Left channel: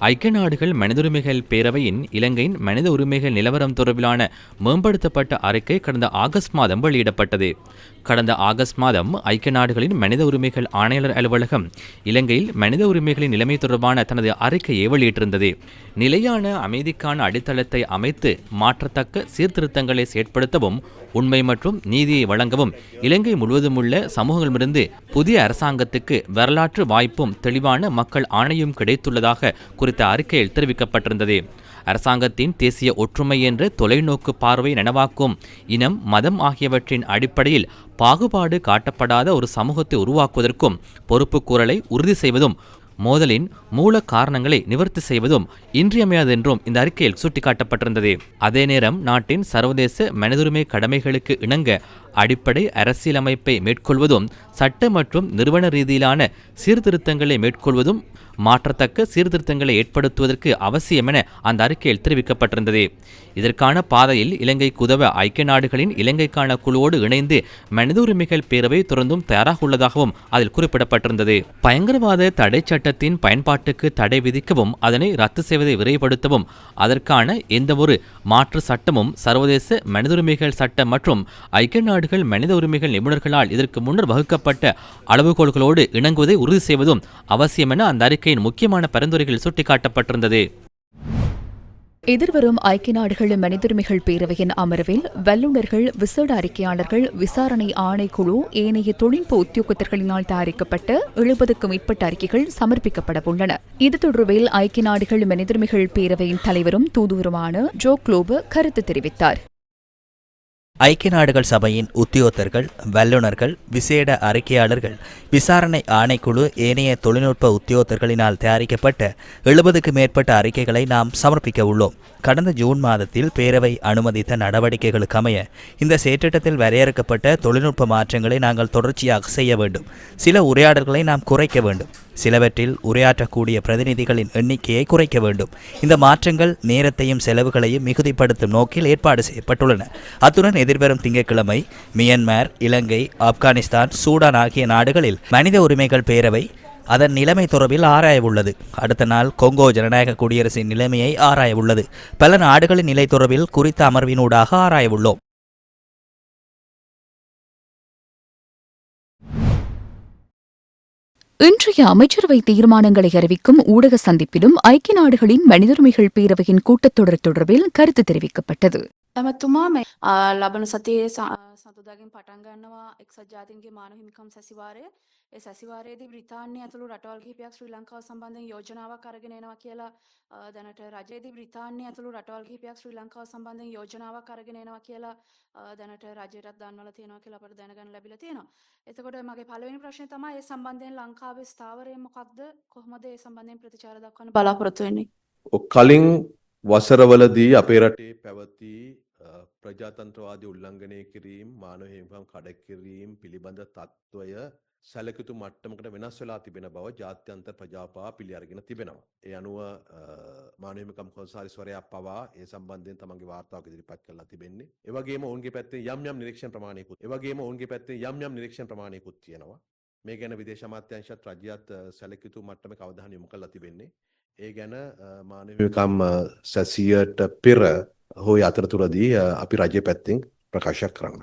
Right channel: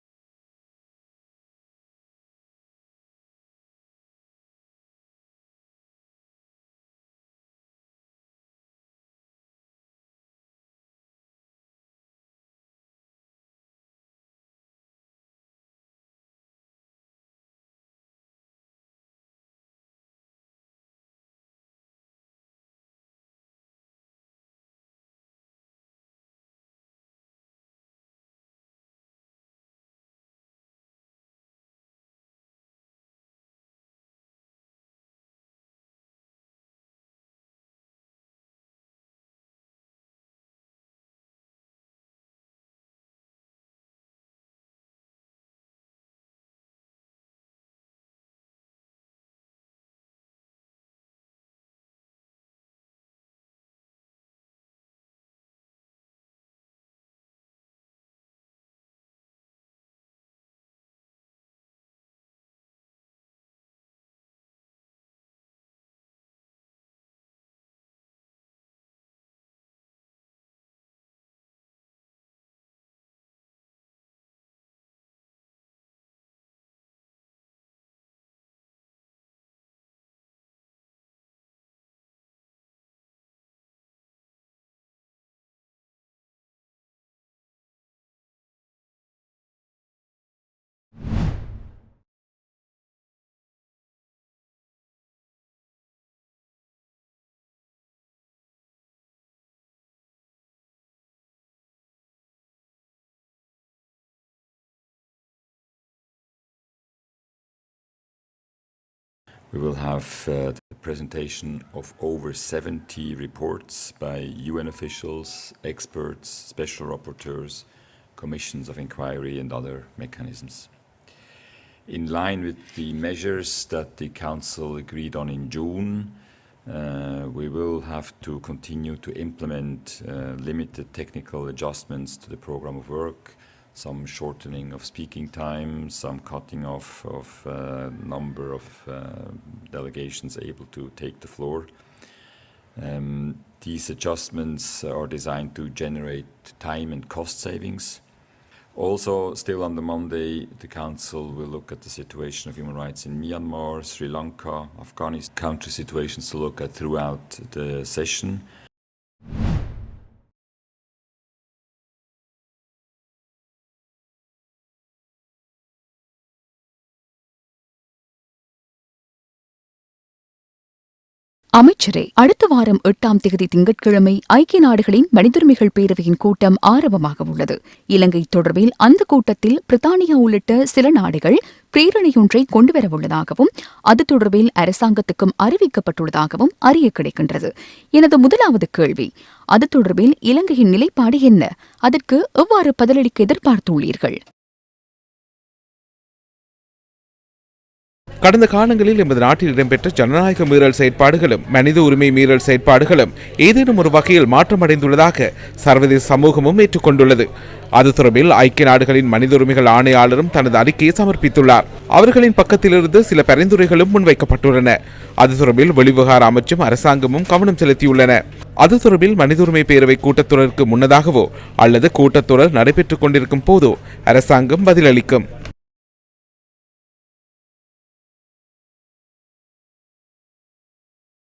ஐக்கிய நாடுகள் மனித உரிமைகள் பேரவையின் இலங்கையின் மனித உரிமைகள் நிலவரம் தொடர்பிலான மேம்படுத்தப்பட்ட அறிக்கை கடந்த ஆகஸ்ட் மாதம் வெளியிடப்பட்டது. கடந்த ஆகஸ்ட் மாதம் ஐக்கிய நாடுகளின் மனித உரிமைகள் ஆணையாளர் அலுவலகம் இலங்கையில் மனித உரிமைகளின் நிலைமை தொடர்பான தனது அறிக்கையை வெளியிட்டிருந்தது. நிலையான அமைதிக்கான அடித்தளத்தை அமைத்து மாற்றத்தக்க சீர்திருத்தங்களை செயற்படுத்தவும் உண்மை மற்றும் நீதியை வழங்கவும் இலங்கை முழுவதும் உள்ள சமூகங்களிலிருந்து புதிய அரசாங்கத்துக்கு வரலாற்று வாய்ப்பும் தெளிவான மக்கள் ஆணையும் கிடைத்துள்ளதாக குறித்த அறிக்கையில் தெரிவிக்கப்பட்டிருந்தது. அரசாங்கத்தின் தேசிய ஒற்றுமை என்ற தொலைநோக்கு பார்வை நனவாக்கும் இனம் மதம் ஆகியவற்றின் அடிப்படையில் பாகுபாடு காட்டப்படாத ஒரு சமூகத்தை உருவாக்குவதற்கும் பொறுப்புக்கூறலை உறுதி செய்வதும் மோதலின் மூல காரணங்களை நிவர்த்தி செய்வதும் இன்றியமையாதென்றும் இந்த அறிக்கையில் சுட்டிக்காட்டப்பட்டிருந்தது. அதே நேரம் நாட்டின் சர்வதேச மனிதுரிமை கடமைகளுக்கு இணங்க அடிப்படை அரசியலமைப்பை மேற்கொள்வதும் சட்ட மற்றும் நிறுவன ரீதியிலான சீர்திருத்தங்களை மேற்கொள்வதும் மாற்றத்தக்க சீர்திருத்தங்களை ஏற்படுத்துவதற்கு அவசியம் என அந்த அறிக்கையில் தெரிவிக்கப்பட்டிருந்தது. இதற்கான பாதையில் இலங்கைக்கு உதவ ஐக்கிய நாடுகளின் இலங்கைக்கான குழுவோடு இணைந்து மனித உரிமைகள் பேரவை தொடர்ந்தும் தயாராக உள்ளதாகவும் அதில் குறிப்பிடப்பட்டிருந்தது. பயங்கரவாத தடை சட்டத்தின் பயன்பாட்டுக்கு தடை விதிக்கவும் அதனை ரத்து செய்வதை விரைவுபடுத்தவும் அதற்கான எந்தவொரு மாற்று சட்டமும் சர்வதேச மனித உரிமைகள் சட்டம் மற்றும் ஐக்கிய நாடுகள் மனித உரிமைகள் நிபுணர்களால் இதற்கு முன்னர் வகுக்கப்பட்ட அளவுகோல்களோடு இணங்குவதை உறுதி செய்வதும் அவசியம் என அந்த அறிக்கையின் முக்கியமான பரிந்துரைகள் சுட்டிக்காட்டப்பட்டிருந்தது. எதிர்வரும் ஐக்கிய நாடுகள் மனிதுரிமைகள் பேரவையின் அமர்வில் வல்லுநர்கள், விசேட அறிக்கையாளர்கள், விசாரணை ஆணைக்குழு, ஏனைய தொழில்நுட்ப உத்தியோகத்தர்களினால் தயாரிக்கப்பட்ட 70க்கும் மேற்பட்ட அறிக்கைகள் சமர்ப்பிக்கப்பட உள்ளன. இது தொடர்பில் ஐக்கிய நாடுகள் மனிதுரிமைகள் பேரவையின் தலைவரும் தூதுவருமான ஜோ குளோப கருத்து தெரிவித்தார். ஐக்கிய நாடுகள் சபையின் உத்தியோகத்தர்கள், வல்லுநர்கள், விசேட அறிக்கையாளர்கள், விசாரணை ஆணைக்குழு, ஏனைய தொழில்நுட்ப உத்தியோகத்தர்களினால் தயாரிக்கப்பட்ட 70க்கும் மேற்பட்ட அறிக்கைகளை நாம் சமர்ப்பிக்க உள்ளோம். கடந்த ஜூன் மாதத்தில் பேரவை அனுமதித்த நடவடிக்கைகளுக்கு அமைய இந்த செயற்றிட்டத்தில் வரையறுக்கப்பட்ட தொழில்நுட்ப மாற்றங்களை நாங்கள் தொடர்ச்சியாக செய்ய வேண்டும். சில உரையாடல்களை நாம் குறைக்க வேண்டும். சிலவற்றில் உரையாற்றக்கூடிய பிரதிநிதிகளின் எண்ணிக்கையை குறைக்க வேண்டும். இந்த மாற்றங்கள் நேரத்தையும் செலவுகளையும் மிகுதிப்படுத்தும் நோக்கில் ஏற்பாடு செய்யப்பட்டுள்ளன. அத்துடன் எதிர்வரும் திங்கட்கிழமை மியன்மார், இலங்கை, ஆப்கானிஸ்தான், சூடான் ஆகிய நாடுகளில் மனித உரிமைகள் பேரவை அதன் நிலைமை தொடர்பில் ஆராய உள்ளது. அடுத்த நாள் கொங்கோ ஜனநாயக குடியரசின் நிலைமையை ஆராய உள்ளது. பல நாடுகளின் நிலை தொடர்பில் குறித்த அமர்வினூடாக ஆராய உள்ளோம். இன்றைய அமைச்சரவை தீர்மானங்களை அறிவிக்கும் ஊடக சந்திப்பிலும் ஐக்கிய நாடுகளின் மனிதுரிமைகள் பேரவையின் கூட்டத்தொடர் தொடர்பில் கருத்து தெரிவிக்கப்பட்டது. அமைச்சரே, அடுத்த வாரம் 8ஆம் தேதி திங்கட்கிழமை ஐக்கிய நாடுகளின் மனிதுரிமைகள் பேரவையின் கூட்டம் ஆரம்பமாக உள்ளது. இலங்கை தொடர்பில் அந்த கூட்டத்தில் பிரித்தானியா உள்ளிட்ட சில நாடுகள் பிரேரணையொன்றை கொண்டுவரவுள்ளதாகவும் அது தொடர்பில் அரசாங்கத்துக்கும் அறிவிக்கப்பட்டுள்ளதாகவும் அறிய கிடைக்கின்றது. எனது முதலாவது கேள்வி, அது தொடர்பில் இலங்கையின் நிலைப்பாடு என்ன? அதற்கு எவ்வாறு பதிலளிக்க எதிர்பார்த்துள்ளீர்கள்? கடந்த காலங்களில் எமது நாட்டில் இடம்பெற்ற ஜனநாயக மீறல் செயற்பாடுகளும் மனித உரிமை மீறல் செயற்பாடுகளும் ஏதேனும் ஒரு வகையில் மாற்றமடைந்துள்ளதாக சர்வதேச சமூகமும் ஏற்றுக்கொண்டுள்ளது. அது தொடர்பில் ஐக்கிய நாடுகளின் மனித உரிமைகள் ஆணையாளரும் தனது அறிக்கையை சமர்ப்பித்துள்ளார். அவர்களின் பக்கத்திலிருந்து சில பரிந்துரைகளும் முன்வைக்கப்பட்டுள்ளன. அது தொடர்பில் வெளிவிவகார அமைச்சும் அரசாங்கமும் கவனம் செலுத்தியுள்ளன. அது தொடர்பில் மனித உரிமை பேரவை கூட்டத்தொடருக்கு முன்னதாகவோ அல்லது கூட்டத்தொடர் நடைபெற்றுக் கொண்டிருக்கும் போதோ அரசாங்கம் பதிலளிக்கும். සැසියට පෙර හෝ අතරතුරදී අපි රජය පැත්තෙන් ප්‍රකාශයක් කරන්න.